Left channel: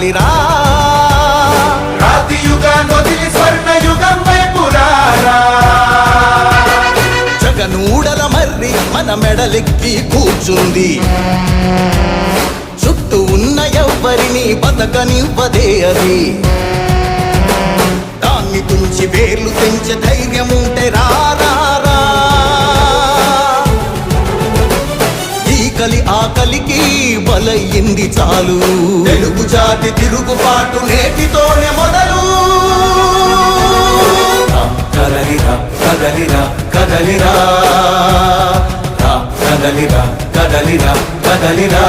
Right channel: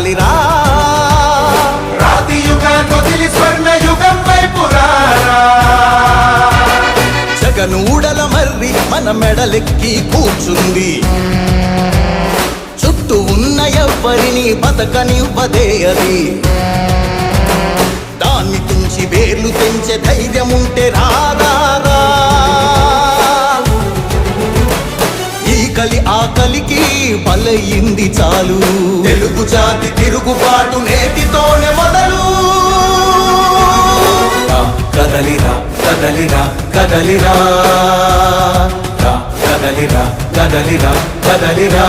కదలిరా రాతి యుగాన్ని వదిలి స్వర్ణ యుగం వైపు రారా జగనూడల మర్రి మన మెడలెక్కి కూర్చుంది చుట్టూ ఉన్న ఎవ్వరిని బతకనివ్వదే అది దాన్ని తుంచి వేర్లు తెంచే ధైర్యం ఉంటే రారా కలి ఆకలికి బలయింది చాలు తెలుగు జాతి తిరుగుబాటు నేటితోనే మొదలు కదలిరా కదలిరా కదలిరా కదలిరా కదలిరా కదలిరా